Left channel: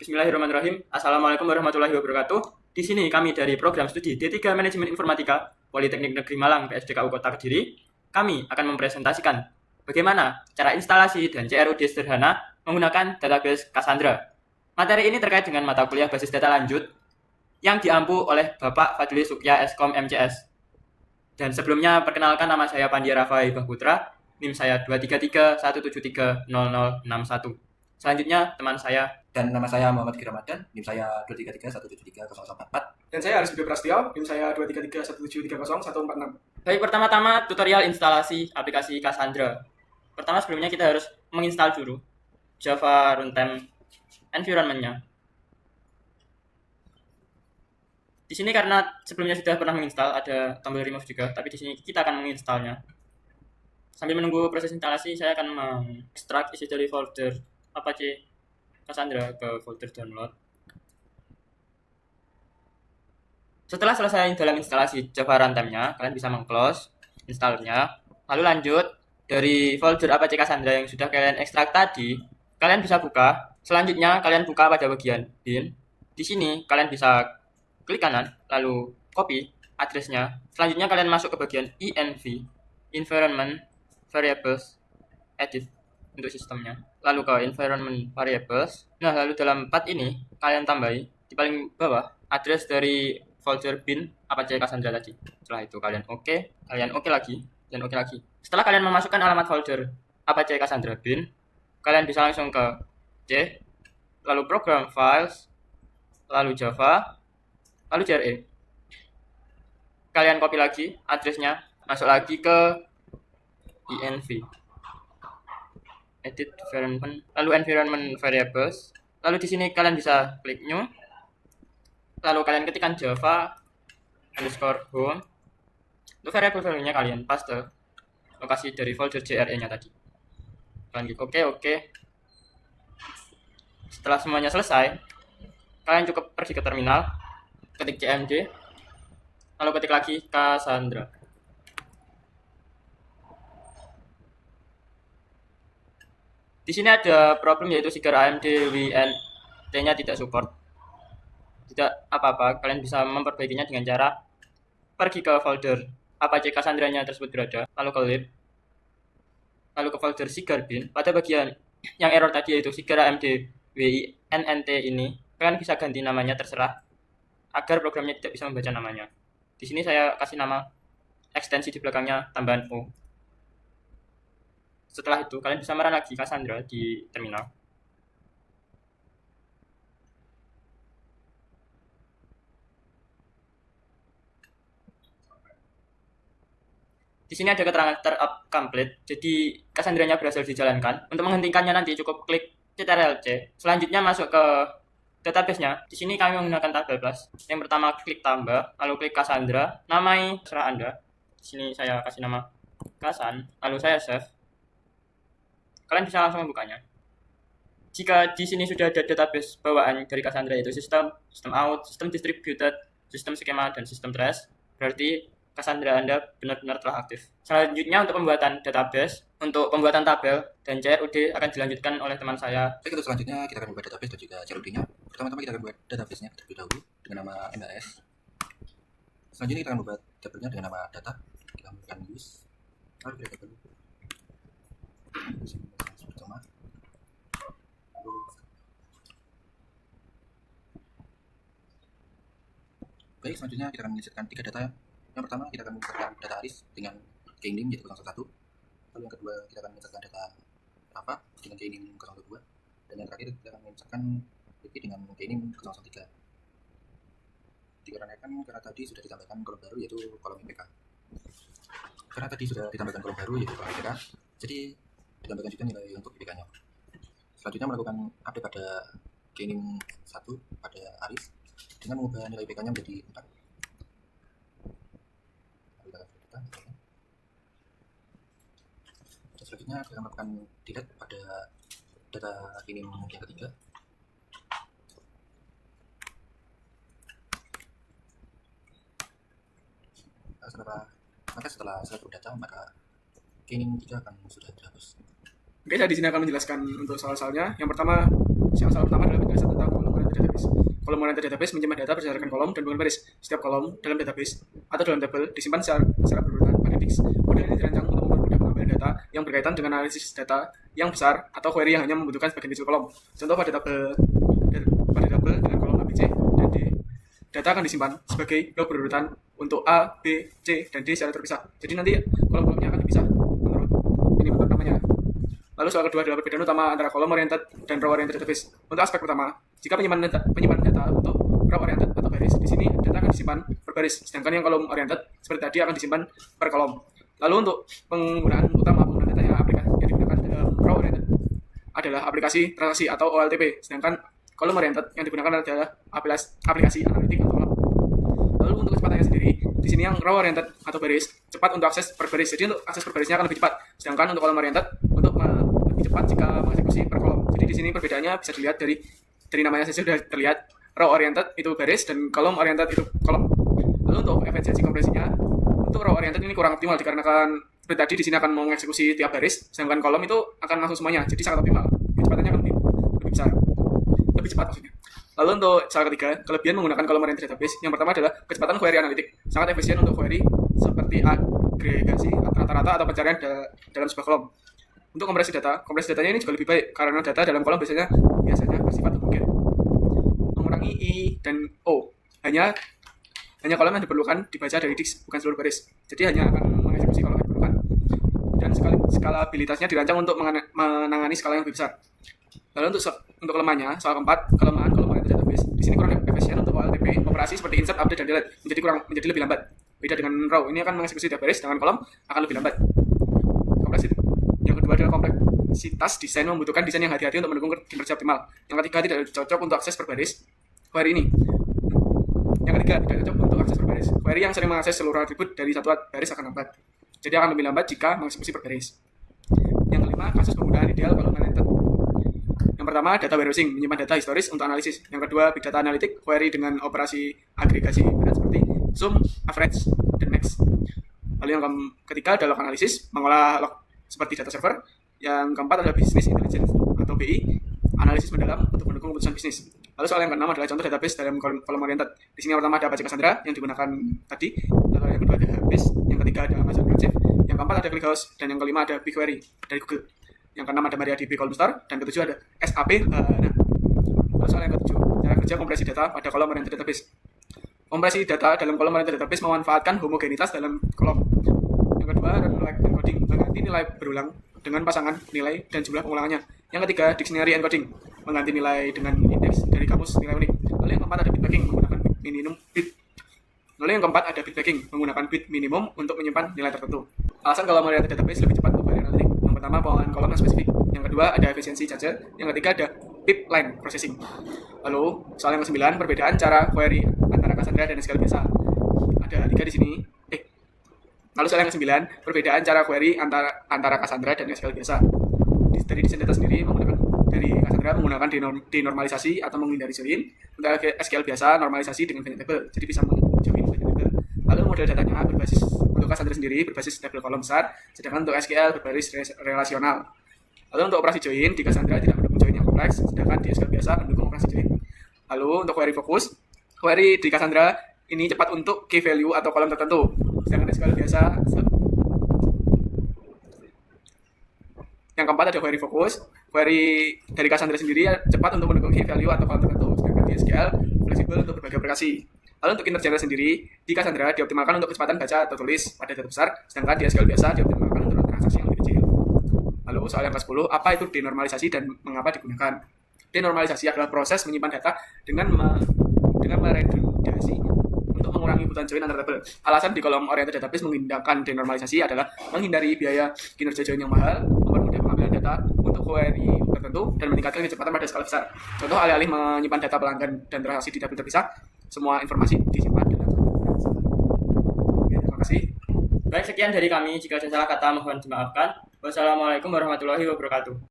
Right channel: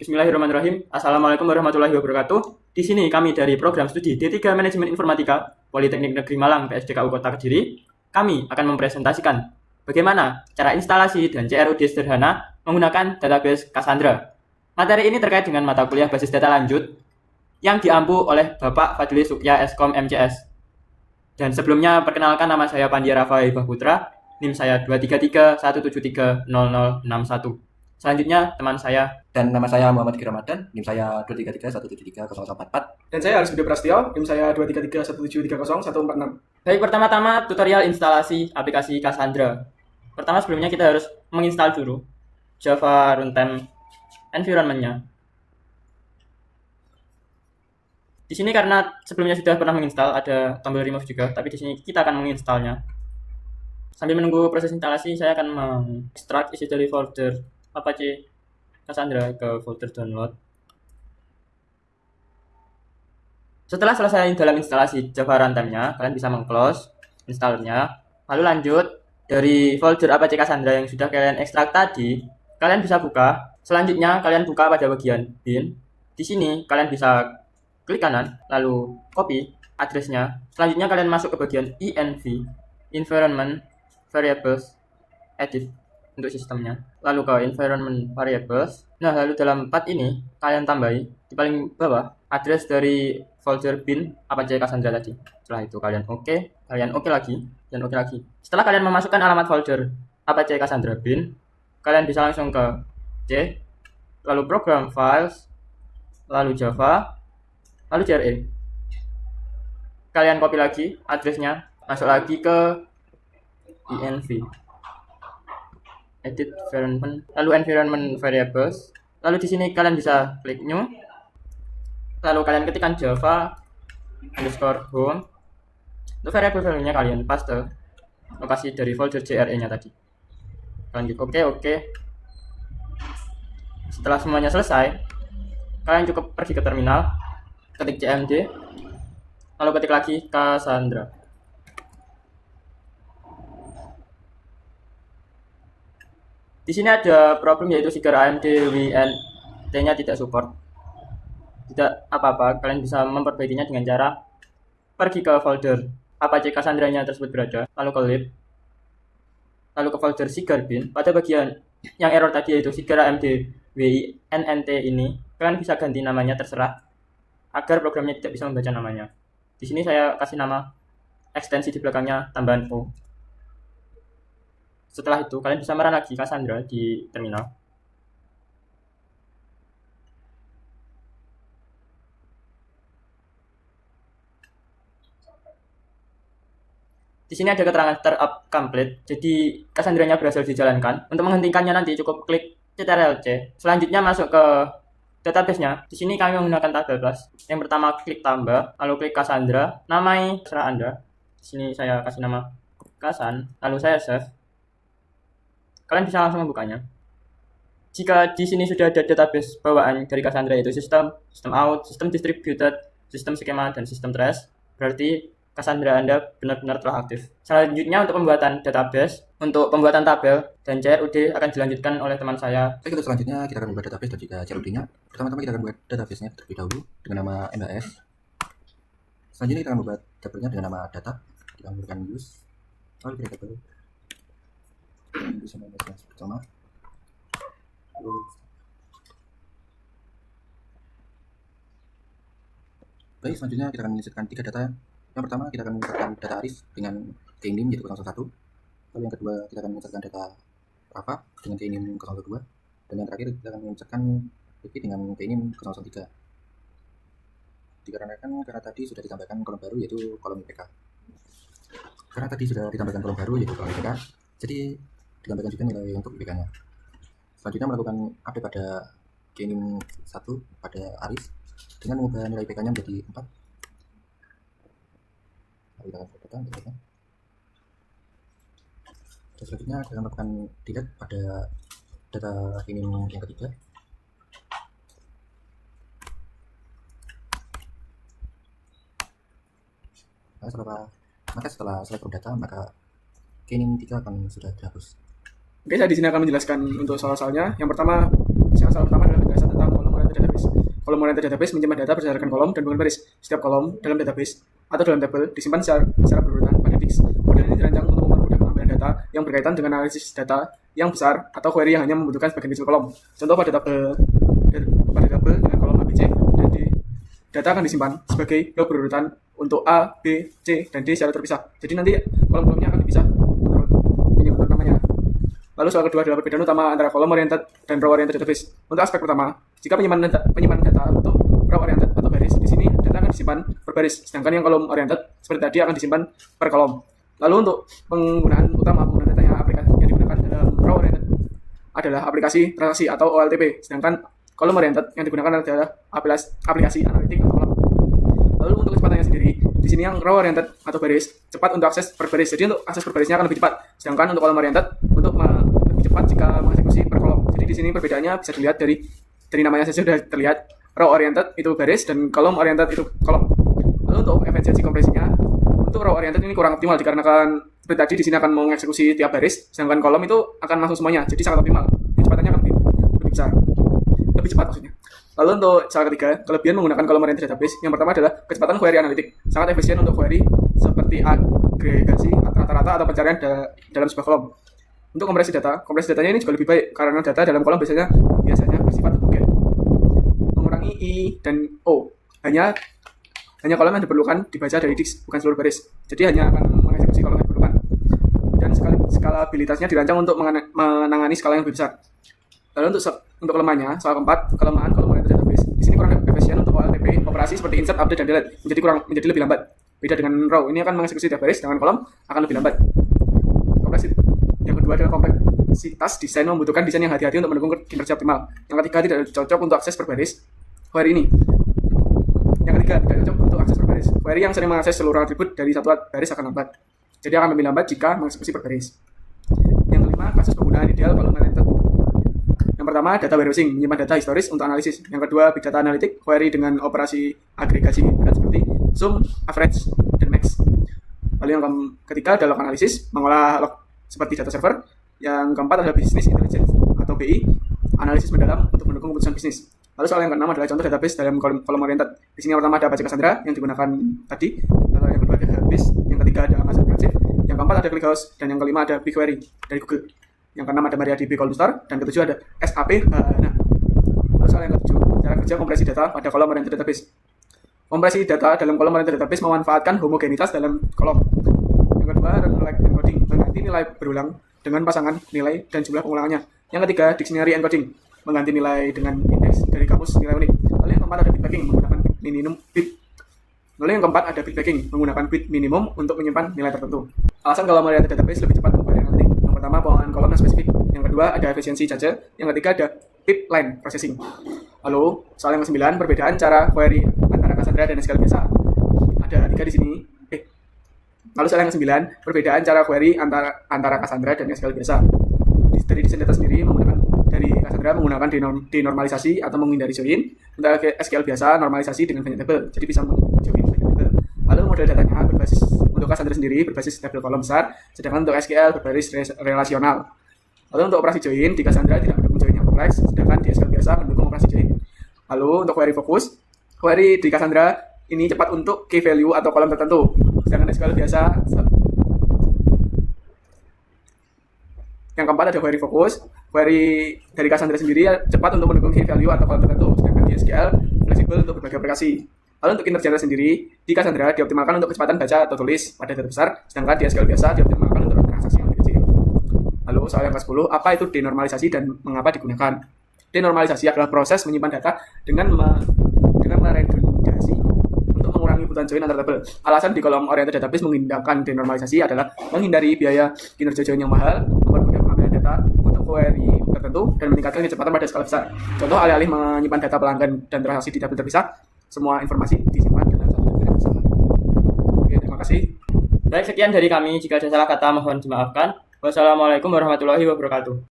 Bismillahirrahmanirrahim. Assalamualaikum warahmatullahi wabarakatuh. Di sini kami dari program studi D3 Manajemen Informatika Politeknik Negeri Malang PSDKU Kota Kediri. Kami akan mempresentasikan bagaimana cara instalasi dan CRUD sederhana menggunakan database Cassandra. Materi ini terkait dengan mata kuliah basis data lanjut yang diampu oleh Bapak Fadli Sukya Eskom MCS. Dan sebelumnya perkenalkan, nama saya Pandia Rafa Hibah Putra, NIM saya 233173061. Selanjutnya teman saya. Dan nama saya Muhammad Ki Ramadan, NIM saya 233173044. Dan saya Aris Budi Prasetyo, NIM saya 23317304146. Baik, pertama-tama tutorial instalasi aplikasi Cassandra. Pertama, sebelumnya kita harus menginstal dulu Java Runtime Environment-nya. Di sini karena sebelumnya sudah pernah menginstal, ada tombol remove juga, tapi di sini kita akan menginstalnya. Sambil menunggu proses instalasi, saya akan mengekstrak isi dari folder Apache Cassandra ke folder download. Setelah selesai dalam instalasi Java Runtime-nya, kalian bisa meng-close installernya. Lalu lanjut dari folder Apache Cassandra yang sudah kalian ekstrak tadi, kalian bisa buka. Selanjutnya kalian buka pada bagian bin. Di sini kalian bisa klik kanan, lalu copy address-nya. Selanjutnya kalian masuk ke bagian env, environment variables, edit untuk sistemnya. Lalu ke environment variables. Nah, lalu dalam path ini kalian tambahi di paling bawah address dari folder bin Apache Cassandra tadi. Setelah itu kalian oke lagi, dan oke lagi. Setelah kalian memasukkan alamat folder Apache Cassandra bin, kalian bisa langsung ke C, lalu program files, lalu Java, lalu JRE. Kalian copy lagi addressnya, masuk lagi ke env, edit environment, lalu environment variables. Lalu di sini kalian bisa klik new, lalu kalian ketikkan java underscore home. Untuk variable value-nya kalian paste lokasi dari folder JRE-nya tadi. Kalian klik oke. Setelah semuanya selesai, kalian cukup pergi ke terminal, ketik cmd, lalu ketik lagi Cassandra. Di sini ada problem, yaitu Sigar AMD WNT-nya tidak support. Tidak apa-apa, kalian bisa memperbaikinya dengan cara pergi ke folder Apache Cassandra-nya tersebut berada, lalu ke lib, lalu ke folder Sigar bin. Pada bagian yang error tadi, yaitu Sigar AMD WNT ini, kalian bisa ganti namanya terserah agar programnya tidak bisa membaca namanya. Di sini saya kasih nama ekstensi di belakangnya tambahan O. Setelah itu kalian bisa merun lagi Cassandra di terminal. Di sini ada keterangan startup complete, jadi Cassandra-nya berhasil dijalankan. Untuk menghentikannya nanti cukup klik Ctrl+C. Selanjutnya masuk ke database-nya. Di sini kami menggunakan tabel plus. Yang pertama klik tambah, lalu klik Cassandra, namai terserah Anda. Di sini saya kasih nama Cassan, lalu saya save. Kalian bisa langsung membukanya. Jika di sini sudah ada database bawaan dari Cassandra, yaitu sistem out, sistem distributed, sistem skema, dan sistem trace, berarti Cassandra Anda benar-benar telah aktif. Selanjutnya untuk pembuatan database, untuk pembuatan tabel dan CRUD akan dilanjutkan oleh teman saya. Baik, untuk selanjutnya kita akan membuat database dan juga CRUD-nya. Pertama-tama kita akan membuat database-nya terlebih dahulu dengan nama MHS. Selanjutnya kita akan membuat tabelnya dengan nama data. Kita memberikan use, lalu kita tabel bisa membuat yang pertama. Baik, selanjutnya kita akan menginsertkan 3 data. Yang pertama kita akan menginsertkan data Aris dengan key name yaitu 01. Lalu yang kedua kita akan menginsertkan data Rafa dengan key name 02. Dan yang terakhir kita akan menginsertkan Vicky dengan key name 003. Dikarenakan karena tadi sudah ditambahkan kolom baru yaitu kolom IPK. Karena tadi sudah ditambahkan kolom baru yaitu kolom IPK, jadi ditambahkan juga nilai untuk IPK-nya. Selanjutnya melakukan update pada key name 1 pada Aris dengan mengubah nilai IPK-nya menjadi 4. Lalu kita akan data. Dan selanjutnya kita akan melakukan delete pada data key name yang ketiga. Setelah selesai data, maka key name 3 akan sudah dihapus. Oke, saya di sini akan menjelaskan untuk soal-soalnya. Yang pertama, Yang salah pertama adalah penjelasan tentang kolom oriented database. Kolom oriented database menyimpan data berdasarkan kolom dan bukan baris. Setiap kolom dalam database atau dalam tabel disimpan secara berurutan pada disk. Model ini dirancang untuk mempermudah pengambilan data yang berkaitan dengan analisis data yang besar atau query yang hanya membutuhkan sebagian kecil kolom. Contoh pada tabel dengan kolom ABC dan D, data akan disimpan sebagai blok berurutan untuk A, B, C, dan D secara terpisah. Jadi nanti kolom-kolomnya akan dipisah menurut namanya. Lalu soal kedua adalah perbedaan utama antara kolom oriented dan row oriented database. Untuk aspek pertama, jika penyimpanan data untuk row oriented atau baris, di sini data akan disimpan per baris, sedangkan yang kolom oriented seperti tadi akan disimpan per kolom. Lalu untuk penggunaan data yang digunakan dalam row oriented adalah aplikasi transaksi atau OLTP, sedangkan kolom oriented yang digunakan adalah aplikasi analitik atau OLAP. Lalu untuk kecepatannya sendiri, di sini yang row oriented atau baris cepat untuk akses per baris. Jadi untuk akses per barisnya akan lebih cepat. Sedangkan untuk kolom oriented untuk lebih cepat jika mengeksekusi per kolom. Jadi di sini perbedaannya bisa dilihat dari namanya saja sudah terlihat. Row oriented itu baris dan kolom oriented itu kolom. Lalu untuk efisiensi kompresinya, untuk row oriented ini kurang optimal dikarenakan seperti tadi di sini akan mengeksekusi tiap baris, sedangkan kolom itu akan langsung semuanya. Jadi sangat optimal. Kecepatannya akan lebih besar. Lebih cepat maksudnya. Lalu untuk salah ketiga, kelebihan menggunakan kolom oriented database, yang pertama adalah kecepatan query analitik. Sangat efisien untuk query seperti agregasi rata-rata atau pencarian dalam sebuah kolom. Untuk kompresi datanya ini juga lebih baik karena data dalam kolom biasanya bersifat homogen. Mengurangi I dan O. Hanya kolom yang diperlukan dibaca dari disk, bukan seluruh baris. Jadi hanya akan mengeksekusi kolom yang diperlukan. Dan skalabilitasnya dirancang untuk menangani skala yang lebih besar. Lalu untuk kelemahannya, soal keempat, kelemahan kolom oriented database. Di sini kurang efisien untuk OLTP, operasi seperti insert, update, dan delete menjadi lebih lambat. Beda dengan row, ini akan mengeksekusi tiap baris, dengan kolom akan lebih lambat. Yang kedua adalah kompleksitas desain, membutuhkan desain yang hati-hati untuk mendukung kinerja optimal. Yang ketiga, tidak cocok untuk akses per baris query ini. Yang ketiga, tidak cocok untuk akses per baris. Query yang sering mengakses seluruh atribut dari satu baris akan lambat. Jadi akan lebih lambat jika mengeksekusi per baris. Yang kelima, kasus penggunaan ideal kolom oriented. Yang pertama, data warehousing, menyimpan data historis untuk analisis. Yang kedua, big data analytic, query dengan operasi agregasi berat seperti sum, average, dan max. Lalu yang ketiga adalah log analisis, mengolah log seperti data server. Yang keempat adalah business intelligence atau BI, analisis mendalam untuk mendukung keputusan bisnis. Lalu soal yang keenam adalah contoh database dalam kolom oriented. Di sini yang pertama ada Apache Cassandra yang digunakan tadi. Lalu yang kedua ada Hubase, yang ketiga ada Amazon Redshift, yang keempat ada ClickHouse, dan yang kelima ada BigQuery dari Google. Yang keenam ada MariaDB Column Store, dan ketujuh ada SAP HANA. Lalu soal yang ketujuh, cara kerja kompresi data pada kolom oriented database. Kompresi data dalam kolom oriented database memanfaatkan homogenitas dalam kolom. Yang kedua, run like encoding, mengganti nilai berulang dengan pasangan nilai dan jumlah pengulangannya. Yang ketiga, dictionary encoding, mengganti nilai dengan indeks dari kamus nilai unik. Lalu yang keempat ada bit packing, menggunakan bit minimum untuk menyimpan nilai tertentu. Alasan kolom oriented database lebih cepat untuk query analitik. Yang pertama, pengolahan kolom yang spesifik. Yang kedua, ada efisiensi cache. Yang ketiga, ada pipeline processing. Lalu, soal yang ke-9, perbedaan cara query antara Cassandra dan SQL biasa. Ada 3 di sini. Lalu soal yang ke-9, perbedaan cara query antara Cassandra dan SQL biasa. Dari desain data sendiri dari Cassandra menggunakan denormalisasi atau menghindari join. Untuk SQL biasa, normalisasi dengan banyak tabel. Jadi bisa menjoin banyak tabel. Lalu model datanya untuk Cassandra sendiri berbasis tabel kolom besar, sedangkan untuk SQL berbasis relasional. Lalu untuk operasi join di Cassandra tidak mendukung join yang kompleks, sedangkan di SQL biasa mendukung operasi join. Lalu untuk query fokus, query di Cassandra ini cepat untuk key value atau kolom tertentu, sedangkan SQL biasa. Yang keempat ada query fokus, query dari Cassandra sendiri cepat untuk mendukung key value atau kolom tertentu, sedangkan di SQL fleksibel untuk berbagai aplikasi. Lalu untuk kinerja sendiri, di Cassandra dioptimalkan untuk kecepatan baca atau tulis pada data besar, sedangkan di SQL biasa dioptimalkan untuk transaksi yang lebih kecil. Lalu soal yang ke-10, apa itu denormalisasi dan mengapa digunakan? Denormalisasi adalah proses menyimpan data dengan meredundasi untuk mengurangi kebutuhan join antar tabel. Alasan di kolom oriented database menggunakan denormalisasi adalah menghindari biaya kinerja join yang mahal, mempermudah pengambilan data untuk query tertentu, dan meningkatkan kecepatan pada skala besar. Contoh, alih-alih menyimpan data pelanggan dan transaksi di tabel terpisah, semua informasi disimpan dalam satu tabel yang sama. Oke, terima kasih. Baik, sekian dari kami. Jika ada salah kata mohon dimaafkan. Wassalamualaikum warahmatullahi wabarakatuh.